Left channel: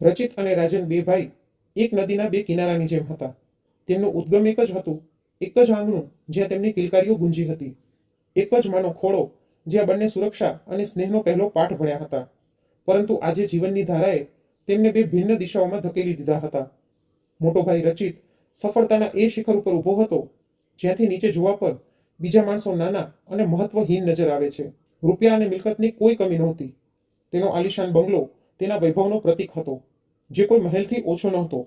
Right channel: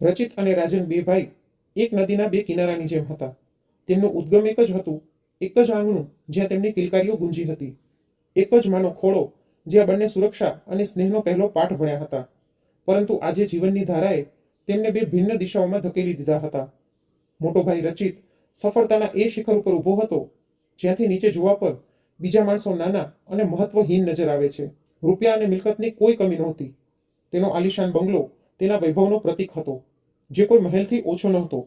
રચિત અને રાજન બે ભાઈ એક નદીના બે કિનારાની જેમ હતા. તેમનું ઉદ્ગમ એક જ હતું, એક જ આંગણું જ્યાં તેમની કિલકારીઓ ગુંજી હતી, એક જ માનો ખોળો જ્યાં બંને સુરક્ષા અને સ્નેહનો પહેલો પાઠ ભણ્યા હતા. પરંતુ આજે જીવનની ધારાએ તેમને બે ભિન્ન દિશાઓમાં ધકેલી દીધા હતા. મોટો ભાઈ રચિત સફળતાના એ શિખર ઉપર ઊભો હતો જ્યાંથી નીચે જોવા પર બીજા માણસો નાના અને મહત્વહીન નજર આવે છે. રૂપિયા અને મિલકતની કોઈ કમી નહોતી. તેનો આલિશાન બંગલો તેના વૈભવનો પ્રતીક હતો, જે કોઈ મહેલથી ઓછો નહોતો.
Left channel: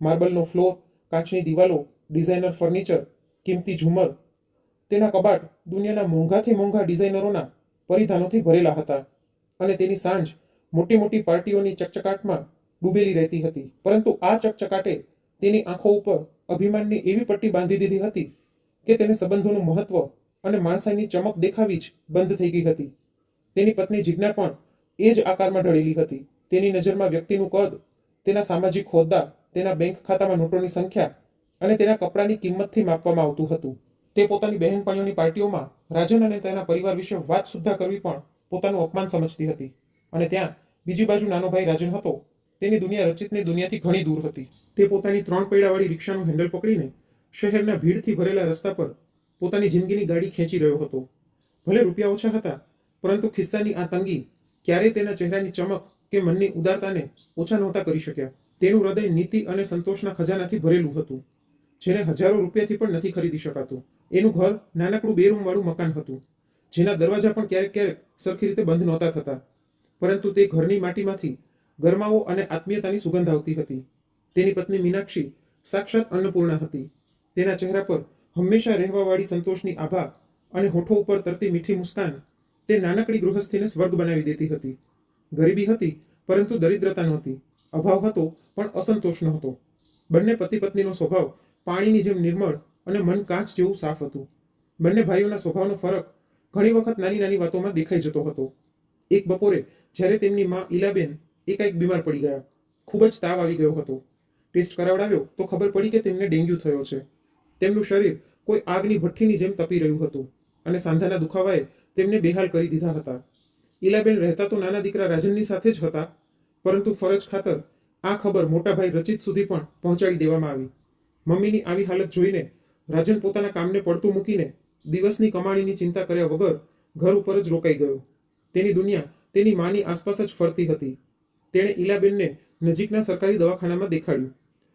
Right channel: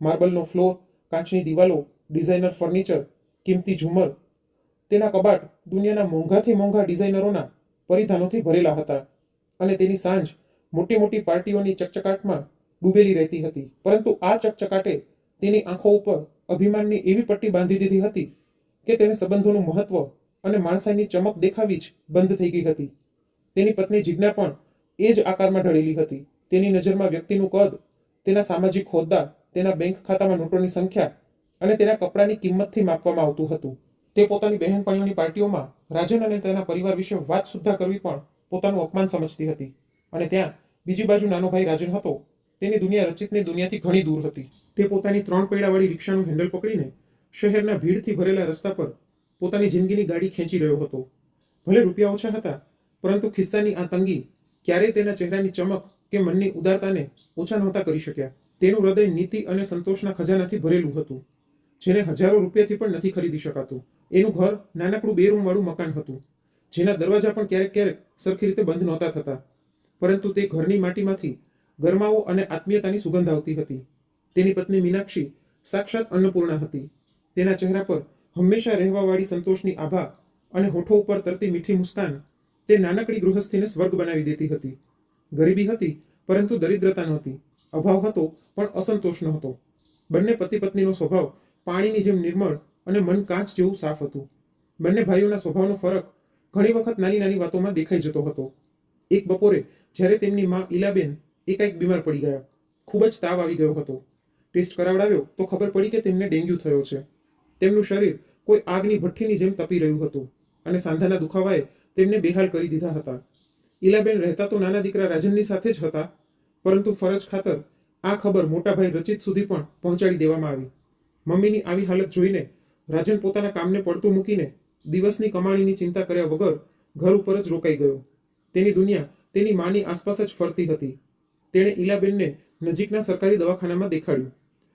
માર્બલનો ફ્લોર, કાચની દિવાલો, ડિઝાઇનર ફર્નિચર, કિંમતી ઝુમર, તેના કબાટ દુનિયાના મોંઘાથી મોંઘા ડિઝાઇનરોના પરિધાનોથી ભરેલા હતા. અને તેની સાંજ મોટી મોટી પાર્ટીઓની ચકચકાટમાં ડૂબેલી રહેતી હતી. પરંતુ આ ચકચકાટે તેની આંખો ઉપર અભિમાનની એવી પટ્ટી બાંધી દીધી હતી કે તેને સંબંધોનું મહત્વ અને માણસાઈની ચમક દેખાવી જ બંધ થઈ ગઈ હતી. તેની પત્ની જિજ્ઞા પણ એ જ આકારમાં ઢળેલી હતી. તેની નજરમાં વ્યક્તિનું કદ, તેના સામાજિક હોદ્દા, તેના બેંક ખાતામાં નોટોની સંખ્યા અને તેના કપડાની કિંમતથી માપવામાં આવતું હતું. તે પોતાની બહેનપણીઓની પાર્ટીઓમાં રાજન અને તેના પરિવાર વિશે વાત સુદ્ધા કરવી પણ પોતાનું અપમાન સમજતી હતી. અને ત્યાં બીજી બાજુ નાનો ભાઈ રાજન હતો. તેની દુનિયા રચિતની દુનિયાથી ઘણી દૂર હતી. તે પોતાની 3 પૈડાવાળી રિક્ષાનું હેન્ડલ પકડીને શહેરના ભીડથી ભરેલા રસ્તા પર પોતાની જિંદગીની ગાડી ખેંચી રહ્યો હતો. ભલે રૂપિયા ઓછા હતા, પરંતુ ખિસ્સાની આ તંગી ક્યારેય તેના ચહેરાની ચમક કે મનની ઉદારતાને ઓછા નહોતા કરી શક્યા. તેનું હૃદય નીતિ અને સંતોષના ખજાનાથી ભરેલું હતું, જેને હજારો રૂપિયાથી પણ નથી ખરીદી શકાતું. એનું ઘર નાનકડું 2 રૂમવાળું મકાન હતું, જેના દરવાજા પણ ક્યારેક ક્યારેક સરખી રીતે બંધ નહોતા થતા. પરંતુ તે ઘરની માટીમાંથી ગરમાવો અને આત્મીયતાની સુગંધ આવતી હતી. તેની પત્ની મીનાક્ષી સાક્ષાત અન્નપૂર્ણા હતી. તેના ચહેરા પર હંમેશા રહેવાવાળી સંતોષની આભા અને હોઠો ઉપર તરતી મીઠી મુસ્કાન તે નાનકડી ગૃહસ્થીને સ્વર્ગ બનાવી દેતી હતી. ગરીબી હતી, પરંતુ દરિદ્રતા નહોતી. અભાવ હતો, પણ અસંતોષ નહોતો. બંને પતિ પત્નીનો સ્વભાવ પાણીની જેમ નિર્મળ અને મન કાચ જેવું સાફ હતું. બંને ભાઈઓના સ્વભાવનો ફરક ઘણી વખત નાની નાની વાતોમાં દેખાઈ જતો હતો. એક બપોરે જ્યારે તેમની માં ઈલાબેન એકાએક બીમાર પડી ગયા. ખૂબ જ તાવ આવી ગયો હતો. ટેસ્ટ કરાવડાવ્યો તો ખબર પડી કે તેમને ડેન્ગ્યુ થયો છે. તેમનું શરીર કોઈ આગની ભઠ્ઠીની જેમ તપી રહ્યું હતું અને સાંધાના દુખાવાએ તેમને બેહાલ કરી દીધા હતા. ઈલાબેન રહેતા તો નાના દીકરા રાજનની સાથે જ હતા, પરંતુ ફરજ ખાતર આ ખબર મોટા ભાઈ રચિત સુધી પણ પહોંચાડી દેવામાં આવી. મમ્મીની આવી હાલત જોઈને રાજન પોતાના કામને પડતું મૂકીને દિવસની કમાણીની ચિંતા કર્યા વગર ઘર ઉપર જ રોકાઈ ગયો. તેની દુનિયા તેની માની આસપાસ જ ફરતી હતી. તેણે ઈલાબેનને નજીકના સરકારી દવાખાનામાં દેખાડ્યું.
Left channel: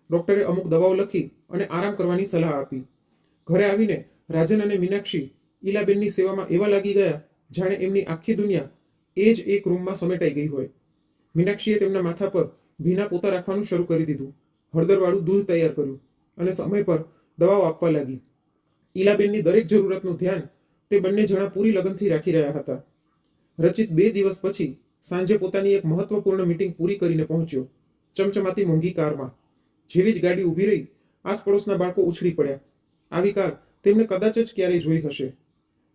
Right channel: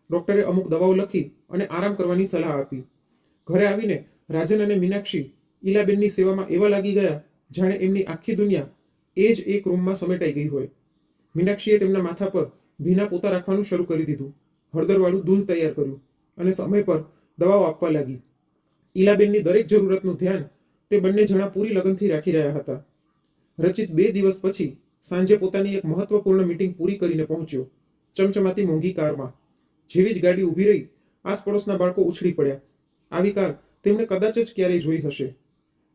ડૉક્ટરે અમુક દવાઓ લખી અને આરામ કરવાની સલાહ આપી. ઘરે આવીને રાજન અને મીનાક્ષી ઈલાબેનની સેવામાં એવા લાગી ગયા જાણે એમની આખી દુનિયા એ જ એક રૂમમાં સમેટાઈ ગઈ હોય. મીનાક્ષીએ તેમના માથા પર ભીના પોતા રાખવાનું શરૂ કરી દીધું, હળદરવાળું દૂધ તૈયાર કર્યું અને સમય પર દવાઓ આપવા લાગી. ઈલાબેનની દરેક જરૂરતનું ધ્યાન તે બંને જણા પૂરી લગનથી રાખી રહ્યા હતા. રચિત 2 દિવસ પછી સાંજે પોતાની એક મહત્વપૂર્ણ મીટિંગ પૂરી કરીને પહોંચ્યો, ચમચમાતી મોંઘી કારમાં. જેવી જ ગાડી ઊભી રહી, આસપડોશના બાળકો ઉછળી પડ્યા. આવી કાર તેમણે કદાચ જ ક્યારેય જોઈ હશે.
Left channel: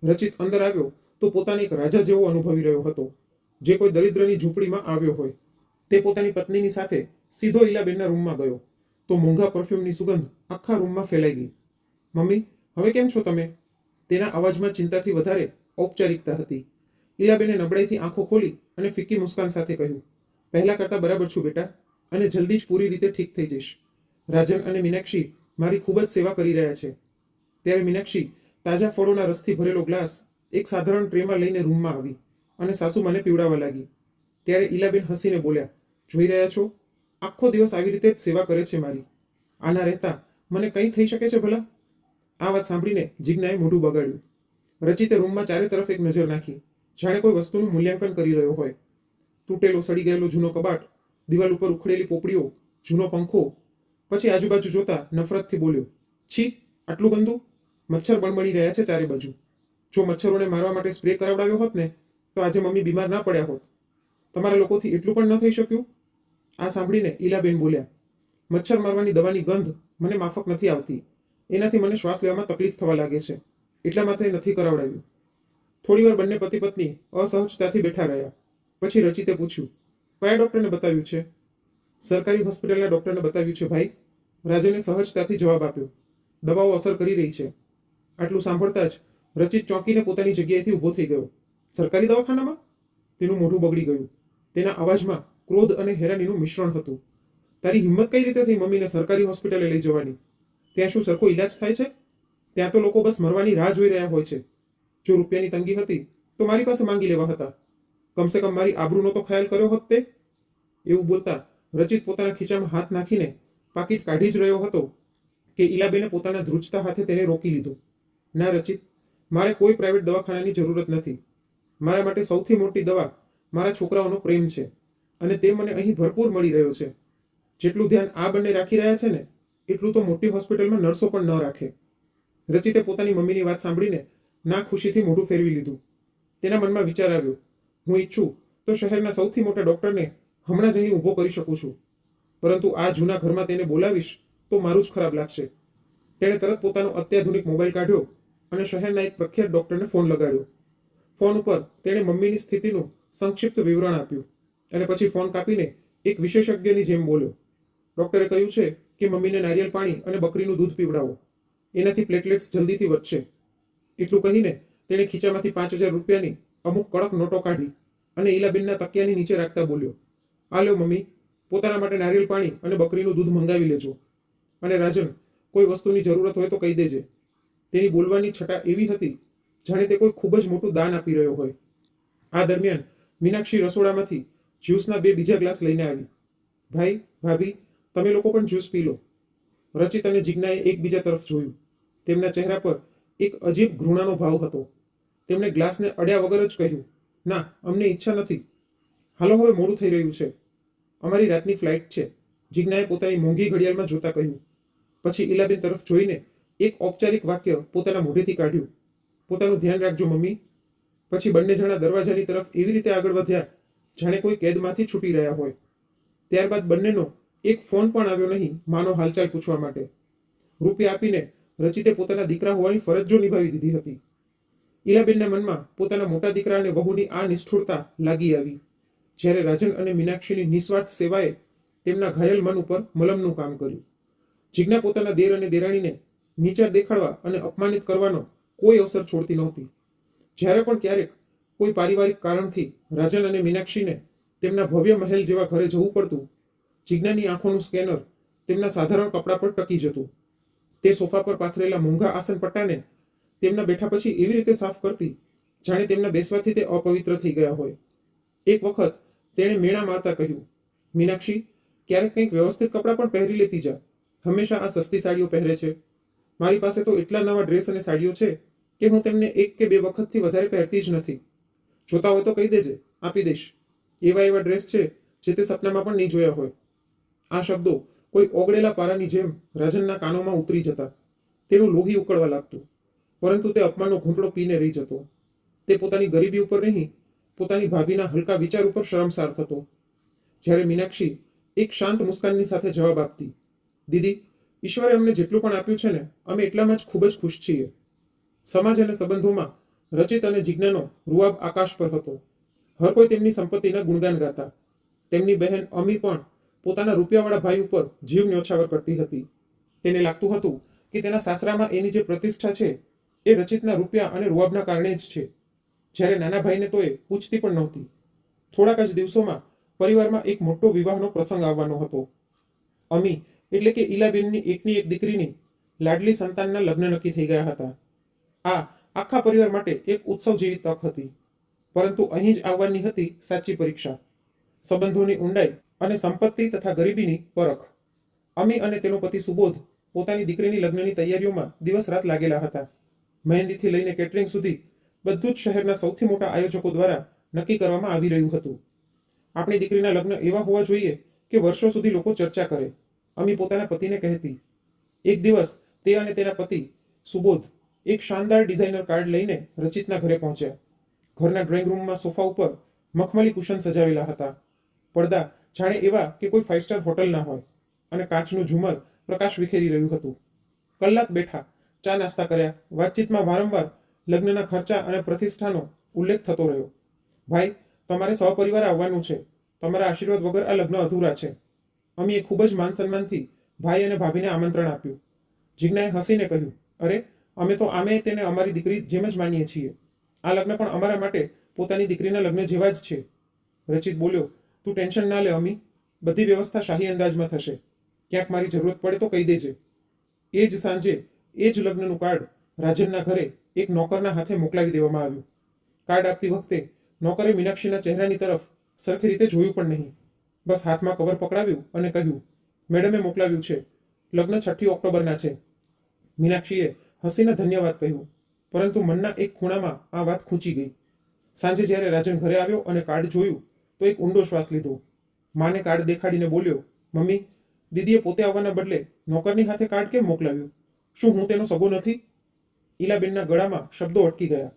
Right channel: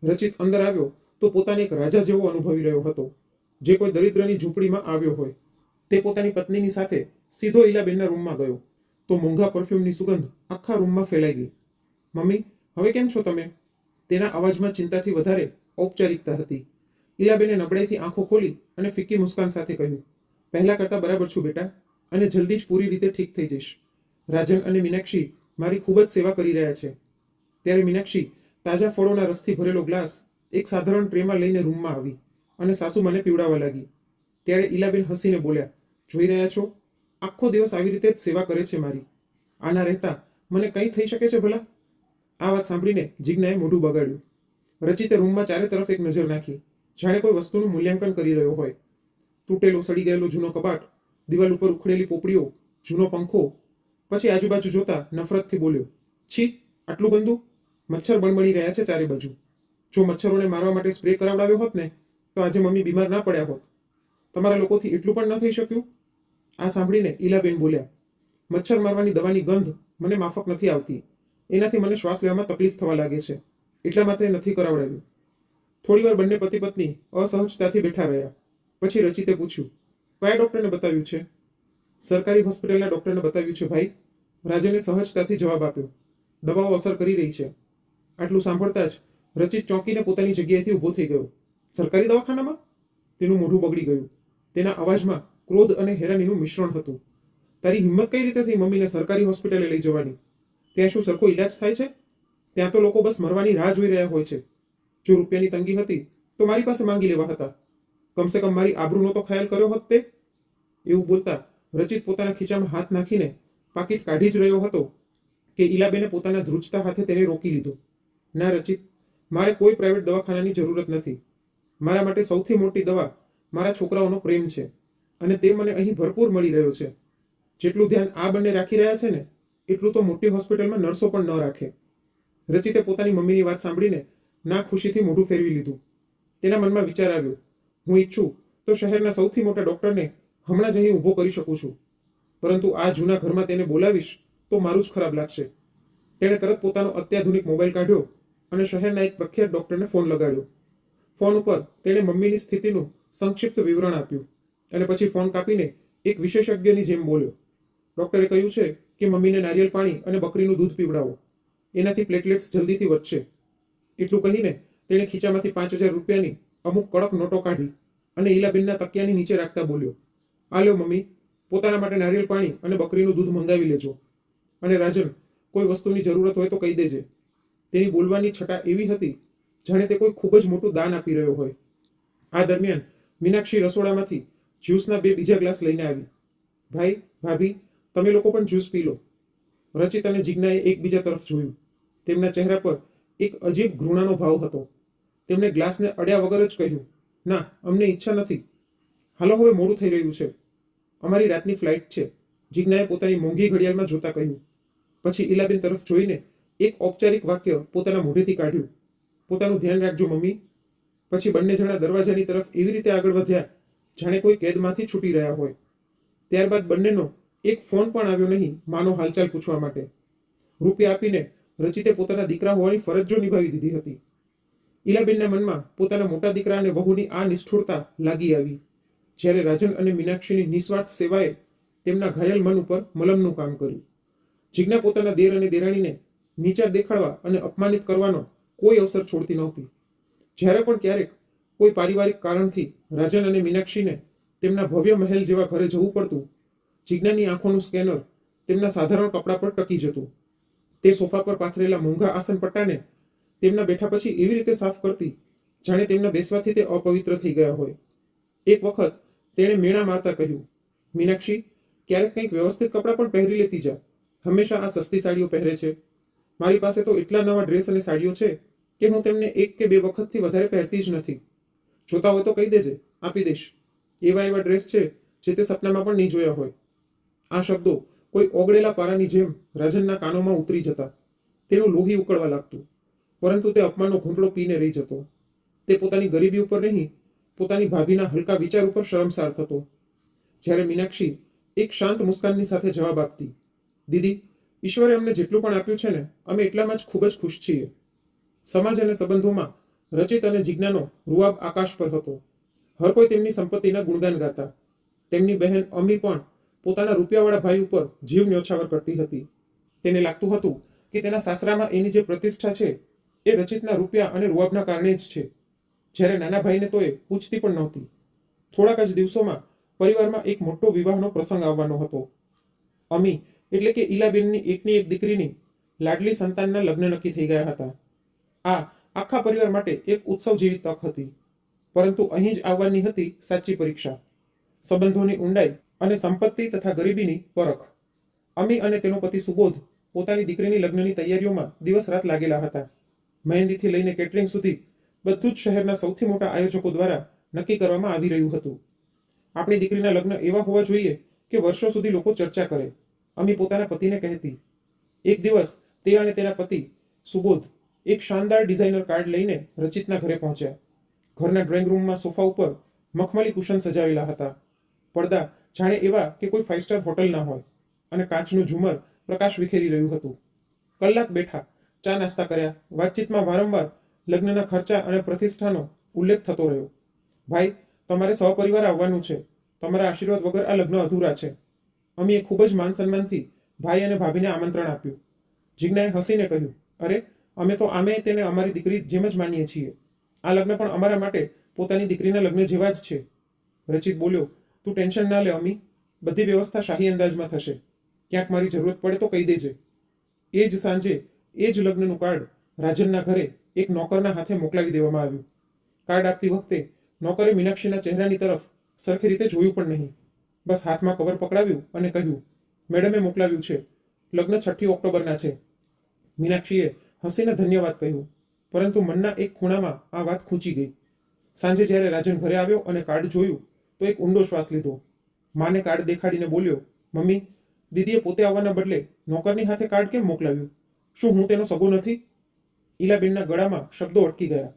રચિત અંદર આવ્યો તો પોતાને એક રાજા જેવો અનુભવી રહ્યો હતો, જે કોઈ દરિદ્રની ઝૂંપડીમાં આવ્યો હોય. તે પોતાની પત્નીની સાથે સીધો ઈલાબેનના રૂમમાં ગયો તો મોંઘા પરફ્યુમની સુગંધ આખા રૂમમાં ફેલાઈ ગઈ. મમ્મી, હવે કેમ છો તમે? તેના અવાજમાં ચિંતાથી વધારે ઔપચારિકતા હતી. ઈલાબેને નબળાઈથી આંખો ખોલી અને ફિક્કી મુસ્કાન સાથે કહ્યું, પહેલા કરતાં બરાબર છું બેટા, અને જલ્દી જ પૂરી રીતે ઠીક થઈ જઈશ. રાજન અને મીનાક્ષી મારી ખૂબ જ સેવા કરી રહ્યા છે. ત્યારે મીનાક્ષી તાજા ફળોના રસથી ભરેલો ગ્લાસ એક સાધારણ ટ્રેમાં લઈને રૂમમાં આવી અને સાસુમાને પીવડાવવા લાગી. ત્યારે ઈલાબેન હસીને બોલ્યા, જોઈ રહ્યા છો, આખો દિવસ આવી રીતે જ સેવા કરે છે મારી. આના રહેતા મને કંઈ થઈ શકે છે ભલા? આ વાત સાંભળીને જિજ્ઞાએ મોઢું બગાડ્યું. રચિતે રૂમમાં ચારે તરફ એક નજર નાખી, જાણે કોઈ વસ્તુનું મૂલ્યાંકન કરી રહ્યો હોય. તૂટેલો સડી ગયેલો જૂનો કબાટ, દિવાલ ઉપર ઉખડેલી પોપડીઓ, જૂનો પંખો. પછી આજુબાજુ જોતા નફરતથી બોલ્યો, છી, આટલું ગંદુ! મચ્છર બણબણી રહ્યા છે ચારે બાજુ. જો મચ્છરોને મારવા માટે સ્પ્રે કરાવડાવ્યો હોત ને તો આજે મમ્મી બીમાર ના પડ્યા હોત. તમારા લોકોથી એટલું પણ ન થઈ શક્યું? આ સાંભળીને ઈલાબેન બોલ્યા, મચ્છર મારવાની દવાની ગંધ મને માફક નથી આવતી. એનાથી મને શ્વાસ લેવામાં તકલીફ થવા લાગે છે, એટલા માટે નથી કરાવડાવ્યું. થોડીવાર બંને પતિ પત્ની અસહજતાથી બેઠા રહ્યા. પછી રચિતે પૂછ્યું, કયા ડૉક્ટરને બતાવ્યું છે? સરકારી હોસ્પિટલના ડૉક્ટરને બતાવ્યું છે ભાઈ, રાજને સહજતાથી જવાબ આપ્યો. દવાઓ અસર કરી રહી છે. આટલું સાંભળતા જ રચિત ચોંકીને પોતાની જગ્યાએથી ઊભો થઈ ગયો. સરકારી દવાખાનામાં? તેનું મોઢું બગડી ગયું. તેના અવાજમાં ક્રોધ અને હેરાનીનું મિશ્રણ હતું. તારી હિંમત કઈ રીતે થઈ મમ્મીને સરકારી હોસ્પિટલે લઈ જવાની? ત્યાં શું સરખો ઈલાજ થાય છે? ત્યાં તો લોકો બસ મરવાની રાહ જોઈ રહ્યા હોય છે. જો રૂપિયાની તંગી હતી તો મારી પાસે માંગી લેવા હતા. કમસે કમ મારી આબરૂનો તો ખ્યાલ કર્યો હોત તે. એવું બોલતા રચિત પોતાના ખીચામાં હાથ નાખીને પાકીટ કાઢી જ રહ્યો હતો કે ઈલાબેને પોતાના ધ્રુજતા હાથે તેને રોકી લીધો. ના રચિત, મારે કોઈ પ્રાઇવેટ દવાખાનાની જરૂરત નથી. મારા માટે સૌથી મોટી દવા મારા છોકરાઓનો પ્રેમ છે, અને તે મને અહીં ભરપૂર મળી રહ્યો છે. જેટલું ધ્યાન આ બંને રાખી રહ્યા છે ને, એટલું તો મોટી હોસ્પિટલમાં નર્સો પણ ન રાખે. રચિતે પોતાની મમ્મીની વાત સાંભળીને ના ખુશીથી મોઢું ફેરવી લીધું. તેના મનમાં વિચાર આવ્યો, હું ઈચ્છું તો શહેરના સૌથી મોટા ડોક્ટરને હમણાં જ અહીં ઊભો કરી શકું છું, પરંતુ આ જૂના ઘરમાં તેને બોલાવીશ તો મારું જ ખરાબ લાગશે. તેણે તરત પોતાનો અત્યાધુનિક મોબાઈલ કાઢ્યો અને શહેરના એક પ્રખ્યાત ડોક્ટરને ફોન લગાડ્યો. ફોન ઉપર તેણે મમ્મીની સ્થિતિનું સંક્ષિપ્ત વિવરણ આપ્યું અને પછી ફોન કાપીને એક વિશેષજ્ઞની જેમ બોલ્યો. ડોક્ટરે કહ્યું છે કે મમ્મીને નારિયેળ પાણી અને બકરીનું દૂધ પીવડાવો, એનાથી પ્લેટલેટ્સ જલ્દીથી વધશે. એટલું કહીને તેણે ખીચામાંથી 5,000 રૂપિયાની અમુક કડક નોટો કાઢી અને ઈલાબેનના તકિયાની નીચે રાખતા બોલ્યો, આ લ્યો મમ્મી, પોતાના માટે નારિયેળ પાણી અને બકરીનું દૂધ મંગાવી લેજો. અને રાજન, કોઈ વસ્તુની જરૂરત હોય તો કહી દેજે. તેની બોલવાની છટા એવી હતી જાણે તે કોઈ ખૂબ જ મોટું દાન આપી રહ્યો હોય. આ દરમિયાન મીનાક્ષી રસોડામાંથી જ્યુસના 2 બીજા ગ્લાસ લઈને આવી. ભાઈ, ભાભી, તમે લોકો પણ જ્યુસ પી લો. રચિત અને જિજ્ઞાએ એકબીજા તરફ જોયું. તેમના ચહેરા પર એક અજીબ ઘૃણાનો ભાવ હતો. તેમણે ગ્લાસને અડ્યા વગર જ કહ્યું, ના, અમને ઈચ્છા નથી. હાલો, હવે મોડું થઈ રહ્યું છે. અમારી રાતની ફ્લાઇટ છે, જિજ્ઞાએ પોતાની મોંઘી ઘડિયાળમાં જોતા કહ્યું. પછી ઈલાબેન તરફ જોઈને એક ઔપચારિક વાક્ય પોતાના મોઢેથી કાઢ્યું, પોતાનું ધ્યાન રાખજો મમ્મી. પછી બંને જણા દરવાજાની તરફ એવી રીતે આગળ વધ્યા જાણે કોઈ કેદમાંથી છૂટી રહ્યા હોય. ત્યારબાદ બંનેનો એક ફોન પણ આવ્યો નહીં માનો હાલચાલ પૂછવા માટે. રૂપિયા આપીને રચિતે પોતાના દીકરા હોવાની ફરજ જો નિભાવી દીધી હતી. ઈલાબેનના મનમાં પોતાના મોટા દીકરા અને વહુની આ નિષ્ઠુરતા લાગી આવી, જ્યારે રાજન અને મીનાક્ષીની નિસ્વાર્થ સેવાએ તેમના ઘાયલ મન ઉપર મલમનું કામ કર્યું. જિજ્ઞા પોતાના દેર અને દેરાણીને નીચા દેખાડવા અને અપમાનિત કરવાનો કોઈ અવસર છોડતી નહોતી. જ્યારે પણ ક્યારેક કોઈ પારિવારિક કારણથી રાજન અને મીનાક્ષીને તેમના ભવ્ય મહેલ જેવા ઘરે જવું પડતું, જિજ્ઞાની આંખોનું સ્કેનર તેમના સાધારણ કપડા પર ટકી જતું. તે સોફા પર પાથરેલા મોંઘા આસન પટ્ટાને તેમના બેઠા પછી એવી રીતે સાફ કરતી જાણે તેમના બેસવાથી તે અપવિત્ર થઈ ગયા હોય. એક વખત તેણે મેણા મારતા કહ્યું, મીનાક્ષી, ક્યારેક કંઈક વ્યવસ્થિત કપડાં પણ પહેરી લેતી જા. હંમેશા આ સસ્તી સાડીઓ પહેરે છે. મારી પાસે તો એટલા નવા ડ્રેસ અને સાડીઓ છે કે હું તેમને 1 કે 2 વખતથી વધારે પહેરતી જ નથી. જોતા હોય તો કહી દેજે, આપી દઈશ. એવા ડ્રેસ છે જે તે સપનામાં પણ નહીં જોયા હોય. આ શબ્દો કોઈ ઓગળેલા પારાની જેમ રાજનના કાનોમાં ઉતરી જતા. તેનું લોહી ઉકળવા લાગતું, પરંતુ તે અપમાનનો ઘૂંટડો પીને રહી જતો. તે પોતાની ગરીબી ઉપર નહીં, પોતાની ભાભીના હલકા વિચાર ઉપર શરમસાર થતો. જ્યારે મીનાક્ષી એક શાંત મુસ્કાનની સાથે જવાબ આપતી, દીદી, ઈશ્વરે અમને જેટલું પણ આપ્યું છે ને, અમે એટલામાં જ ખૂબ જ ખુશ છીએ. સમાજ અને સંબંધોમાં રચિત અને જિજ્ઞાનો રૂઆબ આકાશ પર હતો. હર કોઈ તેમની સંપત્તિના ગુણગાન ગાતા. તેમની બહેન અમી પણ પોતાના રૂપિયાવાળા ભાઈ ઉપર જીવ ન્યોછાવર કરતી હતી. તેને લાગતું હતું કે તેના સાસરામાં એની જે પ્રતિષ્ઠા છે એ રચિતના રૂપિયા અને રૂઆબના કારણે જ છે. જ્યારે નાના ભાઈને તો એ પૂછતી પણ નહોતી. થોડાક જ દિવસોમાં પરિવારમાં એક મોટો વિવાહનો પ્રસંગ આવવાનો હતો. અમી એટલે કે ઈલાબેનની એકની એક દીકરીની લાડલી સંતાનના લગ્ન નક્કી થઈ ગયા હતા. આ આખા પરિવાર માટે એક ઉત્સવ જેવી તક હતી. પરંતુ અહીં જ આવવાની હતી સાચી પરીક્ષા, સંબંધોની ઊંડાઈ અને સંપત્તિ તથા ગરીબીની પરખ. અમી અને તેનો પતિ સુબોધ પોતાની દીકરીની લગ્નની તૈયારીઓમાં દિવસ રાત લાગેલા હતા. મહેંદીથી લઈને કેટરિંગ સુધી બધું જ શહેરના સૌથી મોટા આયોજકો દ્વારા નક્કી કરવામાં આવી રહ્યું હતું. આપણી દીકરીના લગ્ન એવા હોવા જોઈએ કે વર્ષો સુધી લોકો ચર્ચા કરે, અમી પોતાના પતિને કહેતી. એક દિવસ તે અને તેના પતિ સુબોધ એક શાનદાર ડિઝાઇનર કાર્ડ લઈને રચિતના ઘરે પહોંચ્યા. ઘરના ડ્રોઈંગ રૂમમાં સોફા ઉપર મખમલી કુશન સજાવેલા હતા. પડદા જાણે એવા કે કોઈ 5 સ્ટાર હોટલના હોય, અને કાચનું ઝુમર પ્રકાશ વિખેરી રહ્યું હતું. કલાક બેઠા, ચા નાસ્તા કર્યા. વાતચીતમાં વારંવાર લગ્નના ખર્ચા અને પ્રતિષ્ઠાનો ઉલ્લેખ થતો રહ્યો. ભાઈ, તમારે સહપરિવાર આવવાનું છે. તમારા આશીર્વાદ વગર આ લગ્ન અધૂરા છે. અમીએ ખૂબ જ માન સન્માનથી ભાઈ અને ભાભીને આમંત્રણ આપ્યું. જિજ્ઞાએ હસીને કહ્યું, અરે, અમે તો આમે તેને અમારી દીકરી જેમ જ માનીએ છીએ. આ લગ્ન પણ અમારા માટે પોતાની દીકરીના લગ્ન જેવા જ છે. રચિત બોલ્યો, તું ટેન્શન ના લે અમી, બધી વ્યવસ્થા શાહી અંદાજમાં થશે. ક્યાંક મારી જરૂરત પડે તો કહી દેજે. એ જ સાંજે એ જ લગ્નનું કાર્ડ રાજનના ઘરે એક નોકરના હાથે મોકલાવી દેવામાં આવ્યું. કાર્ડ આપતી વખતે નોકરે મીનાક્ષીના ચહેરાની તરફ સરખી રીતે જોયું પણ નહીં. બસ હાથમાં કવર પકડાવ્યું અને કહ્યું, મેડમે મોકલાવ્યું છે, લગ્ન 6 ઓક્ટોબરના છે. મીનાક્ષીએ હસીને ધન્યવાદ કહ્યું, પરંતુ મનના એક ખૂણામાં આ વાત ખૂંચી ગઈ. સાંજે જ્યારે રાજન ઘરે આવ્યો અને કાર્ડ જોયું તો એક ઊંડો શ્વાસ લીધો. માને કાર્ડ દેખાડીને બોલ્યો, મમ્મી, દીદીએ પોતે આવવાના બદલે નોકરની હાથે કાર્ડ કેમ મોકલાવ્યું? શું હું તેનો સગો નથી? ઈલાબેનના ગળામાં શબ્દો અટકી ગયા.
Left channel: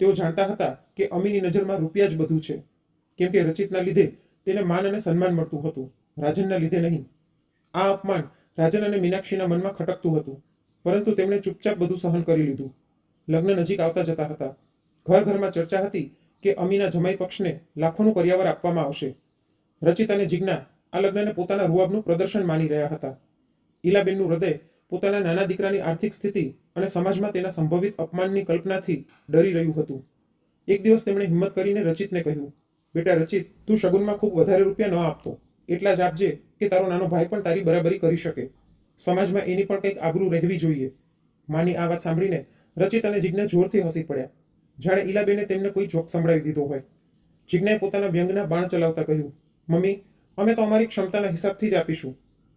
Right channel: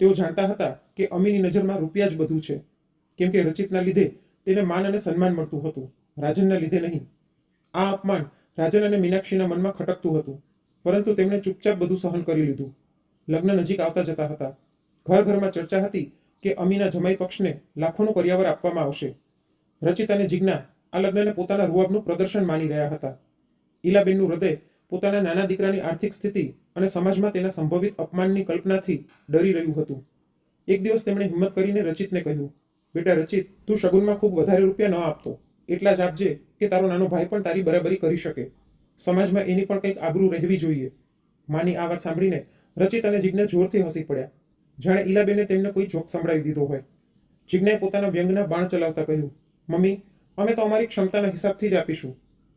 તેઓ જાણતા હતા કે અમીની નજરમાં રૂપિયા જ બધું છે, કેમ કે રચિતના લીધે તેને માન અને સન્માન મળતું હતું, રાજનના લીધે નહીં. આ અપમાન રાજન અને મીનાક્ષીના મનમાં ખટકતું હતું, પરંતુ તેમણે ચૂપચાપ બધું સહન કરી લીધું. લગ્ન નજીક આવતા જતા હતા. ઘર ઘરમાં ચર્ચા હતી કે અમીના જમાઈ પક્ષને લાખોનું કરિયાવર આપવામાં આવશે. રચિત અને જિજ્ઞા આ લગ્નને પોતાના રૂઆબનું પ્રદર્શન માની રહ્યા હતા. ઈલાબેનનું હૃદય પોતાના નાના દીકરાની આર્થિક સ્થિતિ અને સમાજમાં તેના સંભવિત અપમાનની કલ્પનાથી ડરી રહ્યું હતું. એક દિવસ તેમણે હિંમત કરીને રચિતને કહ્યું, બેટા રચિત, તું શગુનમાં ખૂબ વધારે રૂપિયા ન આપતો, એટલા જ આપજે કે તારો નાનો ભાઈ પણ તારી બરાબરી કરી શકે. સમાજમાં એની પણ કંઈક આબરૂ રહેવી જોઈએ. માની આ વાત સાંભળીને રચિત અને જિજ્ઞા જોરથી હસી પડ્યા, જાણે ઈલાબેને તેમને કોઈ જોક સંભળાવી દીધો હોય. જિજ્ઞાએ પોતાના વ્યંગના બાણ ચલાવતા કહ્યું, મમ્મી, અમે તો અમારી ક્ષમતાના હિસાબથી જ આપીશું.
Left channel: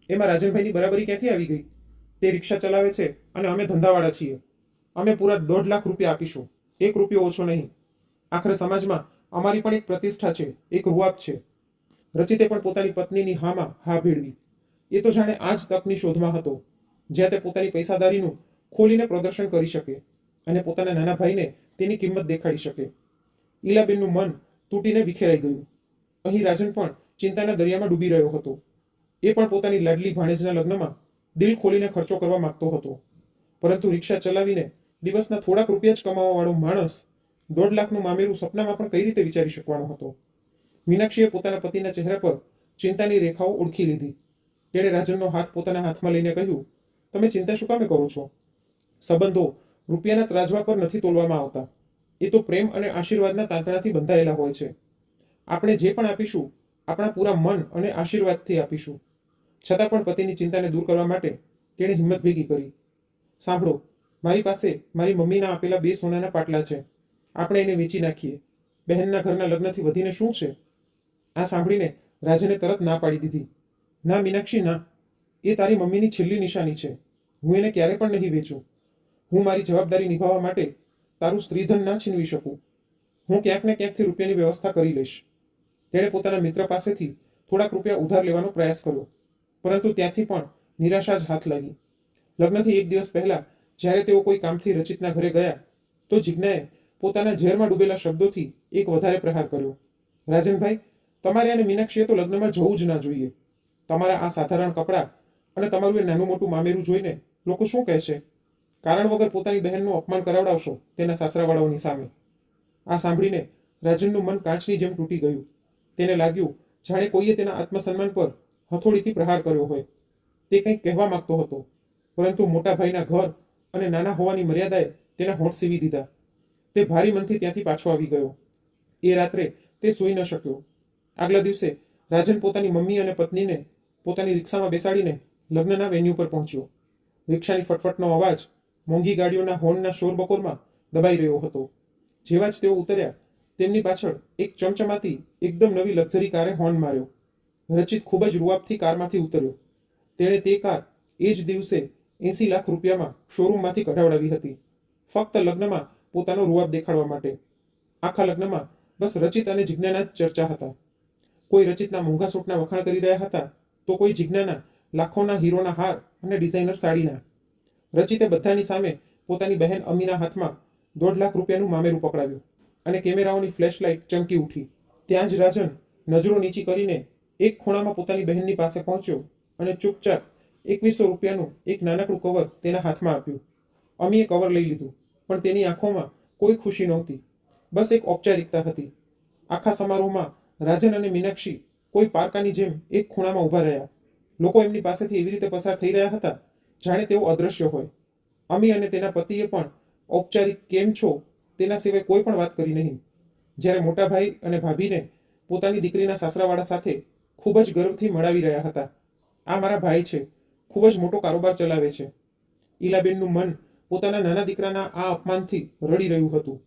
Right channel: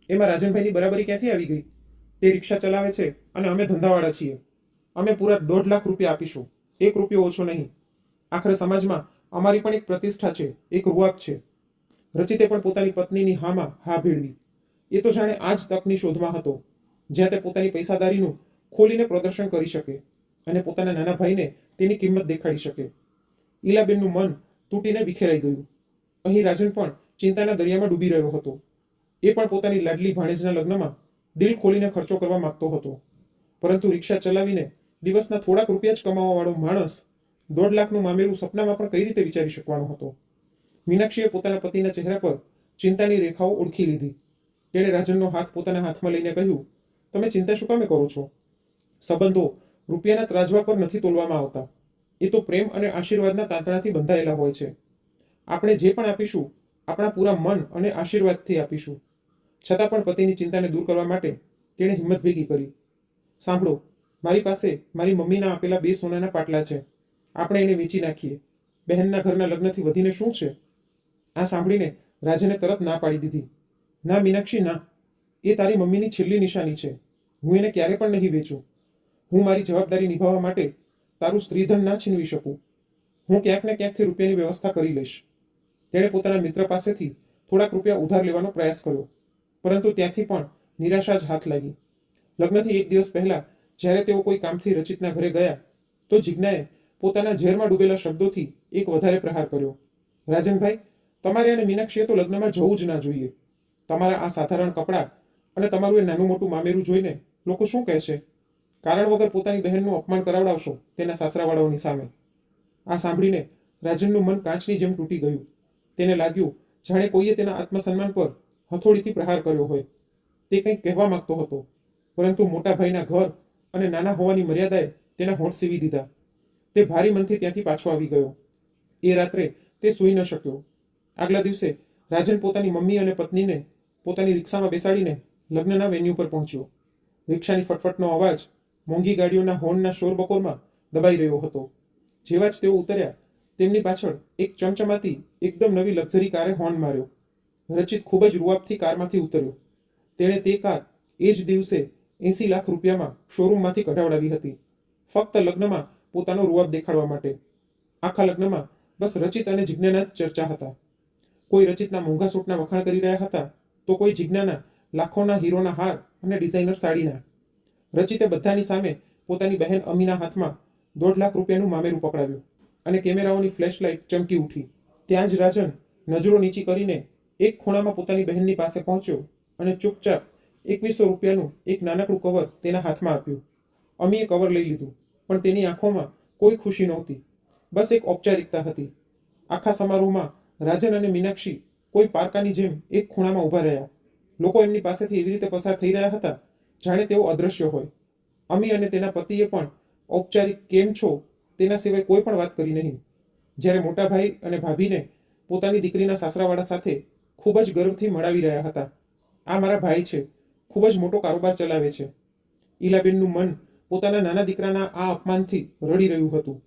એમાં રાજનભાઈની બરાબરી ક્યાંથી આવી ગઈ? તે રિક્ષા ચલાવે છે અને અમે ધંધાવાળા છીએ. અમે પૂરા 1.5 લાખ રૂપિયા આપીશું, 1 રૂપિયો ઓછો નહીં. આખરે સમાજમાં અમારી પણ એક પ્રતિષ્ઠા છે, એક રૂઆબ છે. રચિતે પણ પોતાની પત્નીની હામાં હા ભેળવી. એ તો જાણે આ જ તકની શોધમાં હતો, જ્યાં તે પોતાની પૈસાદારીનું ખોલીને પ્રદર્શન કરી શકે અને પોતાના નાના ભાઈને તેની કિંમત દેખાડી શકે. ઈલાબેનનું મન તૂટીને વિખેરાઈ ગયું. અહીં રાજન પણ ચિંતાના દરિયામાં ડૂબી રહ્યો હતો. એ પણ પોતાની લાડલી ભાણેજના લગ્નમાં દિલ ખોલીને ખર્ચો કરવા માંગતો હતો, પરંતુ રિક્ષા ચલાવીને દિવસના થોડાક રૂપિયા જ કમાવાવાળો માણસ 1.5 લાખનું મામેરું સપનામાં પણ કઈ રીતે વિચારી શકવાનો હતો? મીનાક્ષીએ પોતાના પતિના ચહેરા પર ચિંતાની રેખાઓ ઓળખી લીધી. તેણે રાજનનો હાથ પોતાના હાથમાં લઈને કહ્યું, તમે ચિંતા શું કામે કરો છો? સંબંધો રૂપિયાના ત્રાજવા પર નથી તોલવામાં આવતા. એ તો પ્રેમ અને આશીર્વાદના તાંતણાથી બંધાયેલા હોય છે. આપણે જે પણ આપીશું, આપણા પૂરા મન અને આશીર્વાદથી આપીશું. છતાં પણ પતિની ચિંતાને દૂર કરવા માટે તેણે હિંમત ભેગી કરી. સાંભળો, મારી પાસે મારી મમ્મીના આપેલા 2 સોનાના પાટલા છે. આપણે એને વેચી નાખીએ. બહેનના ઘરના લગ્નથી વધીને શું છે? આ સાંભળીને રાજને તરત ના પાડી દીધી. ના મીનાક્ષી, ના. એ તારી મમ્મીની છેલ્લી નિશાની છે. હું એને ક્યારે પણ નહીં વેચું. હું મારી જવાબદારી નિભાવવા માટે તારું સ્ત્રીધન ના છીનવી શકું. હું ક્યાંક ને ક્યાંકથી રૂપિયાની વ્યવસ્થા કરી લઈશ. તેણે પોતાના મિત્ર પાસેથી થોડાક રૂપિયા ઉધાર લેવાનો પ્રયાસ કર્યો, પરંતુ ત્યાંથી પણ નિરાશા જ હાથ લાગી. લગ્નથી 1 દિવસ પહેલા જ્યારે તેઓ કોઈ કામથી રચિતના ઘરે ગયા તો જિજ્ઞાએ પોતાના ઝેરમાં ડૂબેલા શબ્દોથી એક વધારે પ્રહાર કર્યો. રાજનભાઈ, તમારે અને મીનાક્ષીએ તો લગ્નમાં જવું જ ના જોઈએ. તમારા આ સાધારણ કપડાં અને તમારું એ નાનું મોટું મામેરું જોઈને લોકો શું કહેશે? કારણ વગર પોતાની બહેનનું અપમાન કરાવડાવશો તેના સાસરાવાળાઓની સામે. આ સાંભળીને રાજનનું મન કાચની જેમ તૂટી ગયું. તેને લાગ્યું જાણે કોઈએ તેના આત્મસન્માન પર હથોડીથી પ્રહાર કર્યો હોય. તે કંઈક કહેવા માંગતો હતો, પરંતુ મોટા ભાઈના ઘર અને નાના હોવાની મર્યાદાએ તેના હોઠ સીવી દીધા. તે ભારી મનથી ત્યાંથી પાછો આવી ગયો. એ રાત્રે તે સૂઈ ન શક્યો. આગલા દિવસે રાજન પોતાની મમ્મી અને પત્નીને પોતાની રિક્ષામાં બેસાડીને લગ્નના વેન્યુ પર પહોંચ્યો. રિક્ષાની ફટફટનો અવાજ મોંઘી ગાડીઓના હોર્નના શોરબકોરમાં દબાઈ રહ્યો હતો. જેવા જ તેઓ ઉતર્યા, તેમની પાછળ એક ચમચમાતી એકદમ નવી લક્ઝરી કારે હોર્ન માર્યો. રચિત ખૂબ જ રૂઆબથી કારમાંથી ઉતર્યો. તેણે તે કાર એ જ દિવસે 80 લાખ રૂપિયામાં શોરૂમમાંથી કઢાવડાવી હતી, ફક્ત લગ્નમાં પોતાનો રૂઆબ દેખાડવા માટે. આખા લગ્નમાં બસ રચિત અને જિજ્ઞાના જ ચર્ચા હતા. કોઈ રચિતના મોંઘા સૂટના વખાણ કરી રહ્યા હતા, તો કોઈ જિજ્ઞાના લાખોના હીરોના હાર અને ડિઝાઇનર સાડીના. રચિતે બધાની સામે પોતાની બહેન અમીના હાથમાં 1.5 લાખ રૂપિયાનું મામેરું પકડાવ્યું અને કેમેરાઓની ફ્લેશલાઇટ ચમકી ઉઠી. ત્યાં જ રાજન નજરો નીચી કરીને એક ખૂણામાં પોતાની બહેનની પાસે પહોંચ્યો અને ચૂપચાપ 2100 રૂપિયાનું એક નાનકડું કવર તેના હાથમાં આપ્યું. અમીએ કવર લઈ લીધું, પણ તેની આંખોમાં કોઈ ખુશી નહોતી, બસ એક ઔપચારિકતા હતી. આખા સમારોહમાં રાજન અને મીનાક્ષી કોઈ પારકાની જેમ એક ખૂણામાં ઊભા રહ્યા. લોકો એમની પાસેથી એવી રીતે પસાર થઈ રહ્યા હતા જાણે તેઓ અદૃશ્ય હોય. અમી અને તેના પતિએ પણ ઔપચારિક કેમ છો તેના સિવાય કોઈ પણ વાત કરી નહીં. જ્યારે મોટા ભાઈ અને ભાભીને પોતાની દીકરીના સાસરાવાળા સાથે ખૂબ જ ગર્વથી મળાવી રહ્યા હતા. આ મારા ભાઈ છે, ખૂબ જ મોટો કારોબાર ચલાવે છે. ઈલાબેનનું મન પોતાના નાના દીકરાના આ અપમાનથી રડી રહ્યું હતું.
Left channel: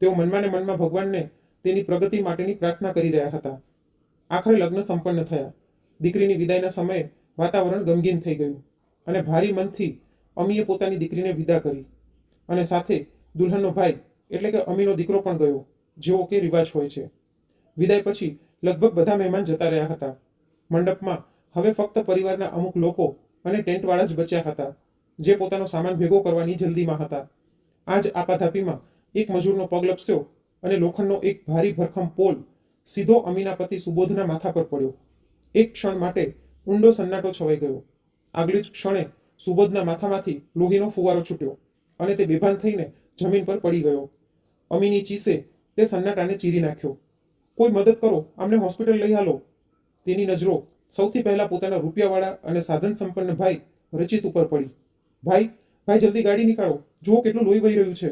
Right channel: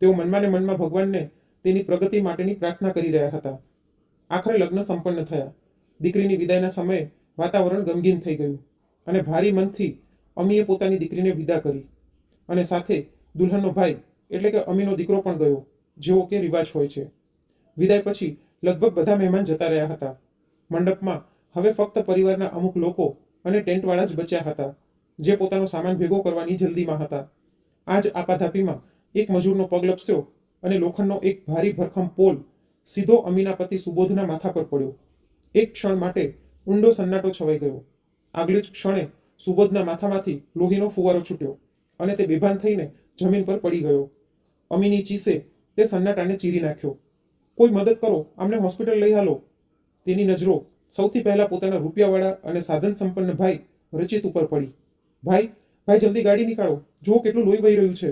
તેઓ મનમાં ને મનમાં ભગવાનને તેની પ્રગતિ માટેની પ્રાર્થના કરી રહ્યા હતા. આખરે લગ્ન સંપન્ન થયા. દીકરીની વિદાયના સમયે વાતાવરણ ગમગીન થઈ ગયું અને ભારી મનથી અમીએ પોતાની દીકરીને વિદા કરી અને સાથે દુલ્હનનો ભાઈ એટલે કે અમીનો દીકરો પણ ગયો, જેવો કે રિવાજ હોય છે. વિદાય પછી લગભગ બધા મહેમાન જતા રહ્યા હતા. મંડપમાં હવે ફક્ત પરિવારના અમુક લોકો અને ટેન્ટવાળા જ બચ્યા હતા, જે પોતાનો સામાન ભેગો કરવાની જલ્દીમાં હતા. આ જ આપાધાપીમાં એક મજૂરનો પગ લપસ્યો અને લોખંડનો એક ભારી ભરખમ પોલ સીધો અમીના પતિ સુબોધના માથા પર પડ્યો. એક ક્ષણ માટે ઊંડો સન્નાટો છવાઈ ગયો. આગલી જ ક્ષણે સુબોધના માથામાંથી લોહીનો ફુવારો છૂટ્યો અને તે બેભાન થઈને જમીન પર પડી ગયો. અમીની ચીસે તે સન્નાટાને ચીરી નાખ્યો. કોઈ મદદ કરો, અમને હોસ્પિટલ લઈ હાલો. તેની નજરો સૌથી પહેલા પોતાના રૂપિયાવાળા અને સાધન સંપન્ન ભાઈ રચિત ઉપર પડી. ભાઈ, ભાઈ જલ્દી ગાડી નીકાળો, જુઓ કેટલું લોહી વહી રહ્યું છે.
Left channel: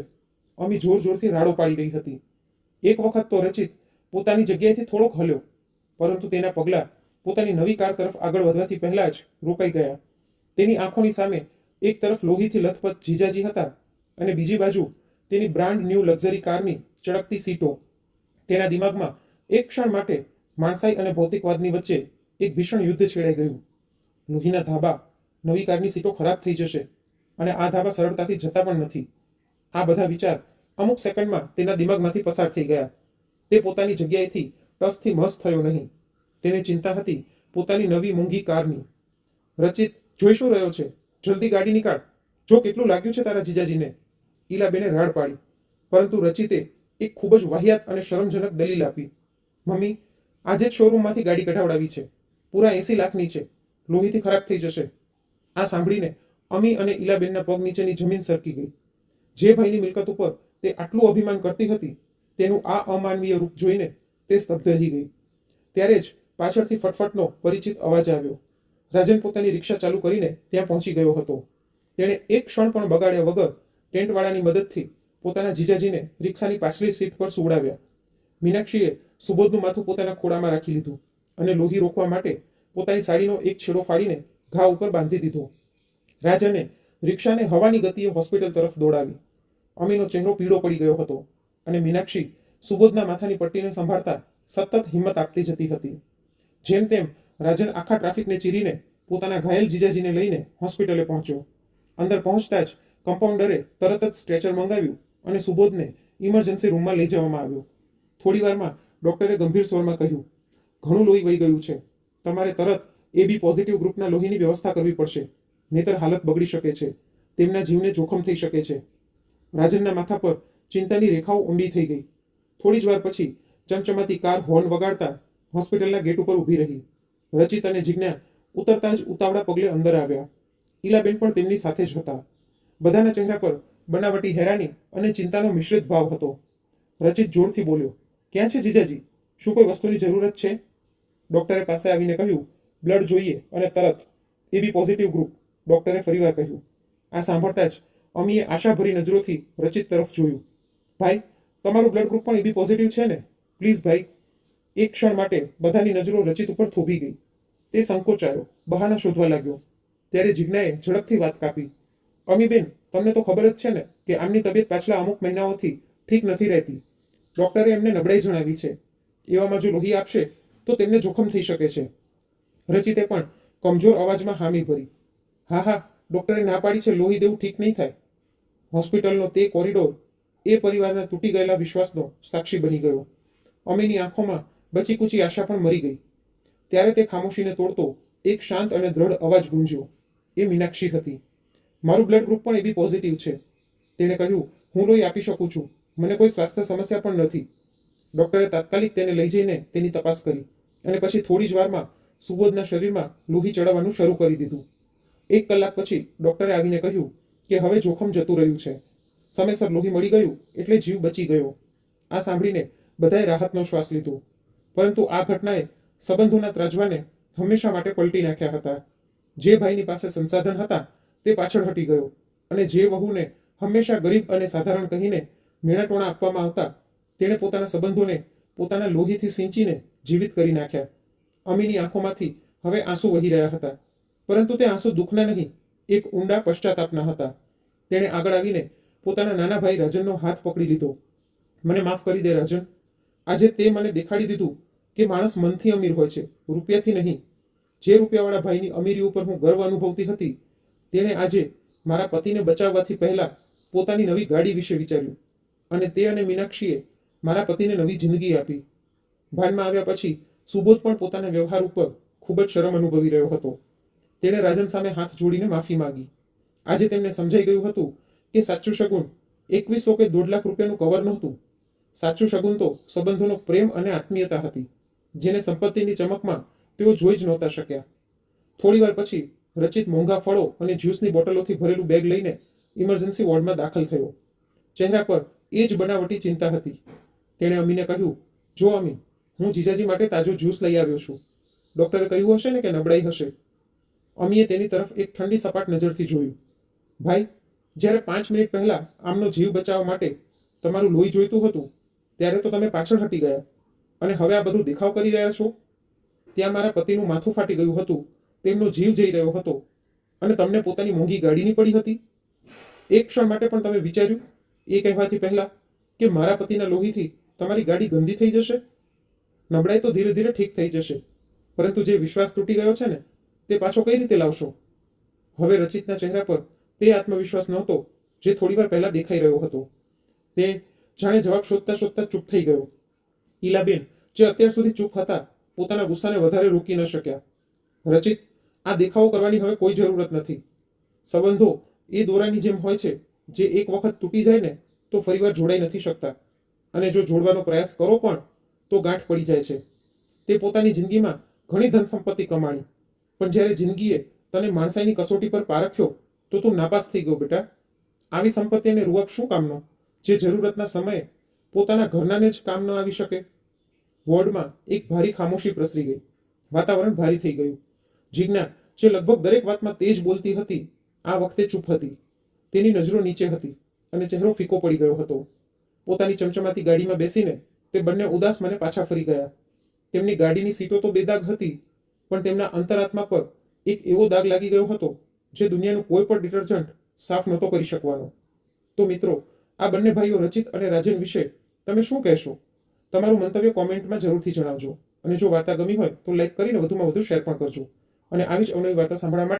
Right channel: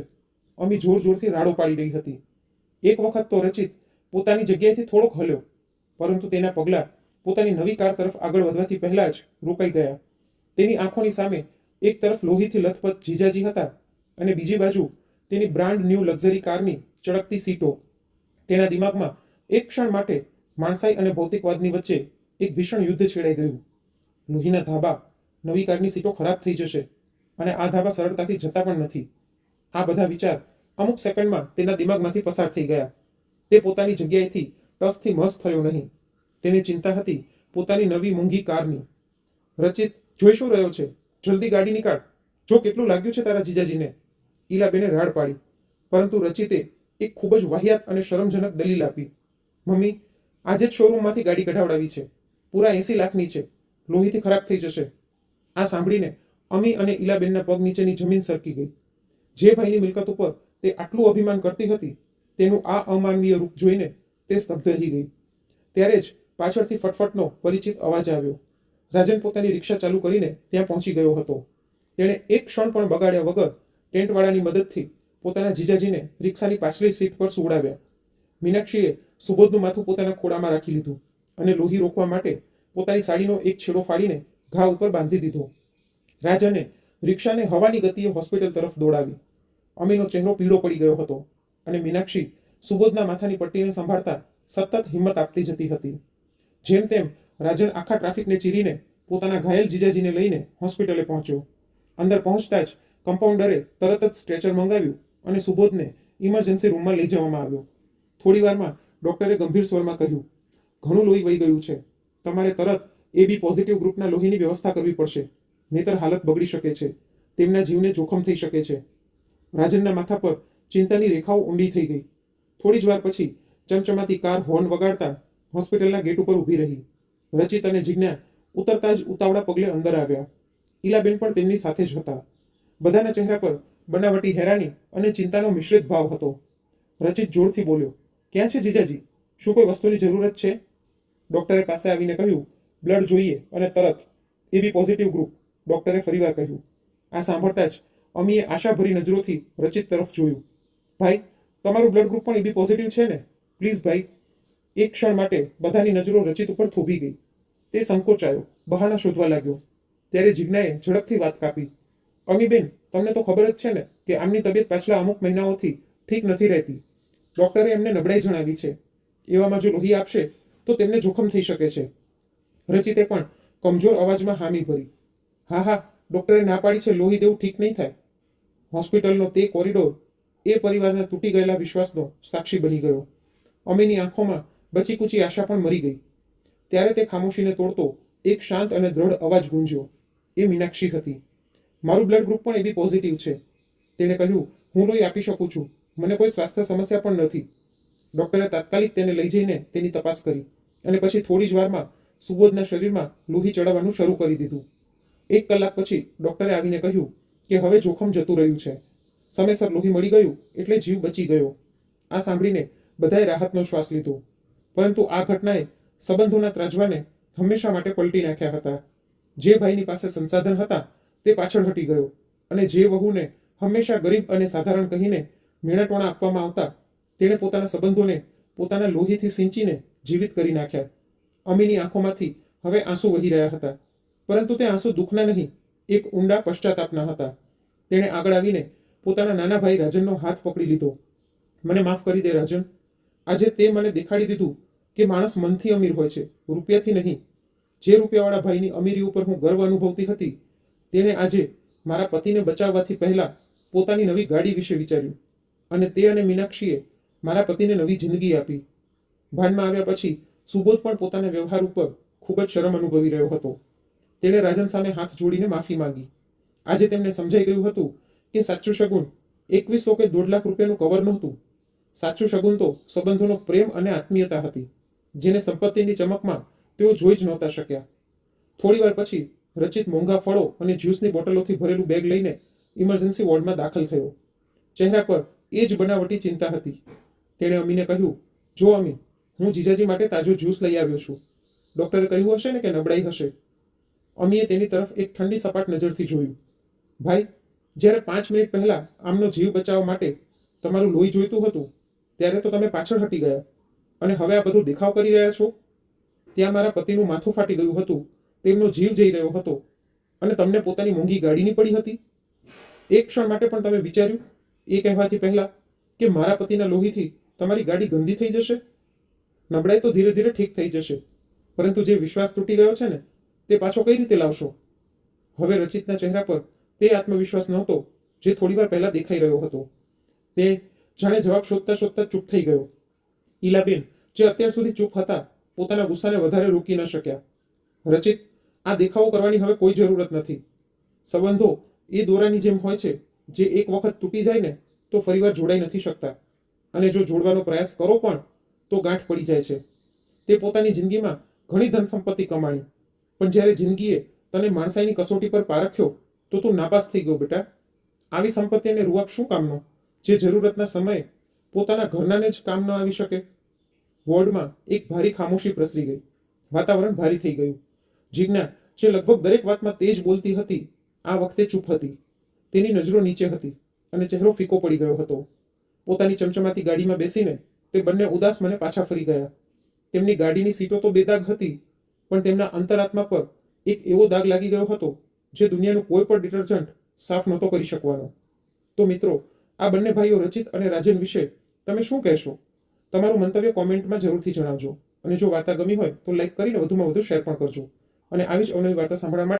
અમી જોર જોરથી રાડો પાડી રહી હતી. એક વખત તો રચિત પોતાની જગ્યાએથી થોડોક હલ્યો, પરંતુ તેના પગલાં પોતાની નવી કાર તરફ આગળ વધવાથી પહેલાં જ રોકાઈ ગયા. તેની આંખોની સામે એક તરફ લોહીથી લથપથ જીજાજી હતા અને બીજી બાજુ તેની બ્રાન્ડ ન્યૂ લક્ઝરી કારની ચળકતી સીટો. તેના દિમાગમાં એક ક્ષણ માટે માણસાઈ અને ભૌતિકવાદની વચ્ચે એક ભીષણ યુદ્ધ છેડાઈ ગયું. લોહીના ધાબા, નવી કારની સીટો ખરાબ થઈ જશે અને આ ધાબા સરળતાથી જતા પણ નથી. આ બધા વિચાર અમુક સેકન્ડમાં તેના દિમાગમાંથી પસાર થઈ ગયા. તે પોતાની જગ્યાએથી ટસથી મસ થયો નહીં. તેને ચિંતા હતી પોતાની નવી મોંઘી કારની. રચિત, જોઈ શું રહ્યો છે? જલ્દી ગાડી નીકાળ, જો કેટલું લાગ્યું છે તારા જીજાજીને. ઈલાબેને રાડ પાડી, પરંતુ રચિતે એક ખૂબ જ વાહિયાત અને શરમજનક દલીલ આપી. મમ્મી, આજે જ શોરૂમમાંથી ગાડી કઢાવડાવી છે, પૂરા 80 લાખની છે, લોહીથી ખરાબ થઈ જશે. આ સાંભળીને અમી અને ઈલાબેનના પગ નીચેની જમીન સરકી ગઈ. જે ભાઈની મિલકત ઉપર તે આટલું અભિમાન કરતી હતી, તેનું આ અમાનવીય રૂપ જોઈને તે સ્તબ્ધ રહી ગઈ. ત્યારે જ પાછળથી ફટફટનો પરિચિત અવાજ આવ્યો. રાજન પોતાની રિક્ષા ચાલુ કરીને ત્યાં પહોંચી ગયો હતો. તેણે એક ક્ષણ પણ બગાડ્યા વગર ટેન્ટવાળાની મદદથી પોતાના જીજાજીને રિક્ષાની પાછલી સીટ પર સુવડાવ્યા. મીનાક્ષીએ સુબોધનું માથું પોતાના ખોળામાં રાખી લીધું અને લોહી રોકવા માટે પોતાની સાડીનો એક છેડો ફાડીને ઘા ઉપર બાંધી દીધો. રાજને રિક્ષાને હવાની ગતિએ હોસ્પિટલ તરફ દોડાવી. અમીનો ચહેરો પીળો પડી ગયો હતો અને મીનાક્ષી સુબોધના માથાની પટ્ટીને સંભાળતા સતત હિંમત આપતી જતી હતી. જેમ તેમ રાજન આખા ટ્રાફિકને ચીરીને પોતાના ઘાયલ જીજાજીને લઈને હોસ્પિટલે પહોંચ્યો. અંદર પહોંચતા જ કમ્પાઉન્ડરે તરત જ સ્ટ્રેચર મંગાવ્યું અને સુબોધને ઇમરજન્સી રૂમમાં લઈ જવામાં આવ્યો. થોડીવારમાં ડૉક્ટરે ગંભીર સ્વરમાં કહ્યું, ઘણું લોહી વહી ગયું છે, તમારે તરત AB પોઝિટિવ ગ્રુપના લોહીની વ્યવસ્થા કરવી પડશે, નહીતર હાલત બગડી શકે છે, તેમના જીવને જોખમ થઈ શકે છે. રાજનના માથા પર ચિંતાની રેખાઓ ઊંડી થઈ ગઈ. થોડી જ વાર પછી ચમચમાતી કાર હોર્ન વગાડતા હોસ્પિટલના ગેટ ઉપર ઊભી રહી. રચિત અને જિજ્ઞા ઉતરતા જ ઉતાવળા પગલે અંદર આવ્યા. ઈલાબેન પણ તેમની સાથે જ હતા. બધાના ચહેરા પર બનાવટી હેરાની અને ચિંતાનો મિશ્રિત ભાવ હતો. રચિત જોરથી બોલ્યો, ક્યાં છે જીજાજી? શું કોઈ વસ્તુની જરૂરત છે? ડૉક્ટરે પાસે આવીને કહ્યું, બ્લડ જોઈએ અને તરત. AB પોઝિટિવ ગ્રુપ, ડૉક્ટરે ફરીવાર કહ્યું. આ સાંભળતા જ અમીએ આશાભરી નજરોથી રચિત તરફ જોયું. ભાઈ, તમારું બ્લડ ગ્રુપ પણ AB પોઝિટિવ છે ને? પ્લીઝ ભાઈ. એક ક્ષણ માટે બધાની નજરો રચિત ઉપર થોભી ગઈ. તે સંકોચાયો, બહાના શોધવા લાગ્યો. ત્યારે જિજ્ઞાએ ઝડપથી વાત કાપી. અમીબેન, તમને તો ખબર જ છે ને કે આમની તબિયત પાછલા અમુક મહિનાઓથી ઠીક નથી રહેતી. ડૉક્ટરે એમને નબળાઈ જણાવી છે. એવામાં જો લોહી આપશે તો તેમને જોખમ થઈ શકે છે. રચિતે પણ કમજોર અવાજમાં હામી ભરી. હા હા, ડૉક્ટરે ના પાડી છે લોહી દેવું ઠીક નહીં થાય. હોસ્પિટલનો તે કોરિડોર એ પરિવારના તૂટી ગયેલા વિશ્વાસનો સાક્ષી બની ગયો. અમીની આંખોમાં બચીકૂચી આશા પણ મરી ગઈ. ત્યારે તે ખામોશીને તોડતો એક શાંત અને દ્રઢ અવાજ ગુંજ્યો. એ મીનાક્ષી હતી. મારું બ્લડ ગ્રુપ પણ AB પોઝિટિવ છે. તેણે કહ્યું, હું લોહી આપી શકું છું, મને કોઈ સ્વાસ્થ્ય સમસ્યા પણ નથી. ડૉક્ટરે તાત્કાલિક તેને લઈ જઈને તેની તપાસ કરી અને પછી થોડી જ વારમાં સુબોધના શરીરમાં લોહી ચડાવવાનું શરૂ કરી દીધું. 1 કલાક પછી ડૉક્ટરે આવીને કહ્યું કે હવે જોખમ જતું રહ્યું છે. સમયસર લોહી મળી ગયું એટલે જીવ બચી ગયો. આ સાંભળીને બધાએ રાહતનો શ્વાસ લીધો. પરંતુ આ ઘટનાએ સંબંધોના ત્રાજવાને હંમેશા માટે પલટી નાખ્યા હતા. જે ભાઈની પાસે સંસાધન હતા તે પાછળ હટી ગયો અને જે વહુને હંમેશા ગરીબ અને સાધારણ કહીને મેણાટોણા આપવામાં આવતા, તેણે પોતાના સંબંધોને પોતાના લોહીથી સિંચીને જીવિત કરી નાખ્યા. અમીની આંખોમાંથી હવે આંસુ વહી રહ્યા હતા, પરંતુ તે આંસુ દુઃખના નહીં, એક ઊંડા પશ્ચાતાપના હતા. તેણે આગળ આવીને પોતાના નાના ભાઈ રાજનનો હાથ પકડી લીધો. મને માફ કરી દે રાજન. આજે તે મને દેખાડી દીધું કે માણસ મનથી અમીર હોય છે, રૂપિયાથી નહીં. જે રૂપિયાવાળા ભાઈની અમીરી ઉપર હું ગર્વ અનુભવતી હતી, તેણે આજે મારા પતિને બચાવવાથી પહેલાં પોતાની નવી ગાડી વિશે વિચાર્યું, અને તે અને મીનાક્ષીએ મારા પતિને નવી જિંદગી આપી. ભાનમાં આવ્યા પછી સુબોધ પણ પોતાના વ્યવહાર ઉપર ખૂબ જ શરમ અનુભવી રહ્યો હતો. તેણે રાજન સામે હાથ જોડીને માફી માંગી. આજે તેમને સમજાઈ ગયું હતું કે સાચું શગુન 2100 કે 1.5 લાખ રૂપિયાનું કવર નહોતું. સાચું શગુન તો સંબંધોનો પ્રેમ અને આત્મીયતા હતી, જેને સંપત્તિની ચમકમાં તેઓ જોઈ જ નહોતા શક્યા. થોડીવાર પછી રચિત મોંઘા ફળો અને જ્યુસની બોટલોથી ભરેલું બેગ લઈને ઇમરજન્સી વોર્ડમાં દાખલ થયો. ચહેરા પર એ જ બનાવટી ચિંતા હતી. તેણે અમીને કહ્યું, જો અમી, હું જીજાજી માટે તાજો જ્યુસ લઈ આવ્યો છું. ડૉક્ટરે કહ્યું હશે ને કે નબળાઈ હશે. અમીએ તેની તરફ એક ઠંડી સપાટ નજરથી જોયું. ભાઈ, જ્યારે 5 મિનિટ પહેલાં આમનો જીવ બચાવવા માટે તમારું લોહી જોઈતું હતું, ત્યારે તો તમે પાછળ હટી ગયા, અને હવે આ બધું દેખાવ કરી રહ્યા છો. ત્યાં મારા પતિનું માથું ફાટી ગયું હતું, તેમનો જીવ જઈ રહ્યો હતો, અને તમને પોતાની મોંઘી ગાડીની પડી હતી. એક ક્ષણ માટે પણ તમે વિચાર્યું એ કહેવાથી પહેલાં કે મારા પતિના લોહીથી તમારી ગાડી ગંદી થઈ જશે? નબળાઈ તો ધીરે ધીરે ઠીક થઈ જશે, પરંતુ જે વિશ્વાસ તૂટી ગયો છે ને, તે પાછો કઈ રીતે લાવશો? હવે રચિતના ચહેરા પર તે આત્મવિશ્વાસ નહોતો જે થોડીવાર પહેલાં દેખાઈ રહ્યો હતો. તે જાણે જવાબ શોધતા શોધતા ચૂપ થઈ ગયો. ઈલાબેન, જે અત્યાર સુધી ચૂપ હતા, પોતાના ગુસ્સાને વધારે રોકી ન શક્યા. રચિત, આ દેખાવો કરવાની હવે કોઈ જરૂરત નથી. સંબંધો એ દોરાની જેમ હોય છે, જે એક વખત તૂટી જાય ને તો ફરીવાર જોડાઈ નથી શકતા, અને જો જોડવાનો પ્રયાસ કરો પણ તો ગાંઠ પડી જાય છે. તે પોતાની જિંદગીમાં ઘણી ધન સંપત્તિ કમાણી, પણ જ્યારે જિંદગીએ તને માણસાઈની કસોટી પર પારખ્યો તો તું નાપાસ થઈ ગયો બેટા. આવી સંપત્તિને રૂઆબ શું કામનો, જે જરૂરતના સમયે પોતાના ઘરનાને જ કામ ન આવી શકે? વોર્ડમાં એક ભારી ખામોશી પ્રસરી ગઈ. વાતાવરણ ભારી થઈ ગયું. જીજ્ઞા, જે લગભગ દરેક વાતમાં તેજ બોલતી હતી, આ વખતે ચૂપ હતી. તેની નજરો નીચે હતી અને ચહેરો ફીકો પડી ગયો હતો. પોતાની ચમચમાતી ગાડીમાં બેસીને તે બંને ઉદાસ મને પાછા ફરી ગયા. તેમની ગાડીની સીટો તો બેદાગ હતી, પણ તેમના અંતરાત્મા પર એક એવો દાગ લાગી ગયો હતો જે દુનિયાનું કોઈ પણ ડિટર્જન્ટ સાફ નહોતો કરી શકવાનો. તો મિત્રો, આ બંને ભાઈઓ રચિત અને રાજન વિશે તમે શું કહેશો? તમારું મંતવ્ય કોમેન્ટમાં જરૂરથી જણાવજો, અને જો વાર્તા ગમી હોય તો લાઈક કરીને વધુમાં વધુ શેર પણ કરજો, અને આવી જ અવનવી વાર્તા સાંભળવા માટે